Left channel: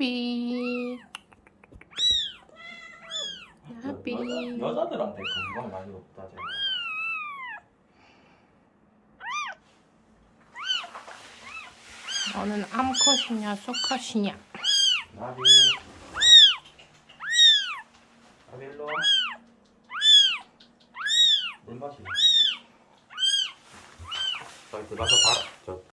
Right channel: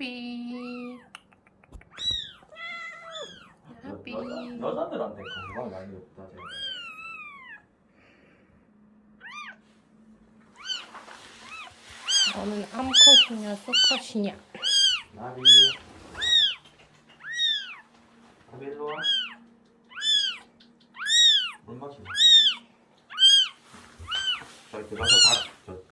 나비. 나비. 여자들한테 건강 많이 없다죠. 너는 암컷이냐 수컷이냐? 나비.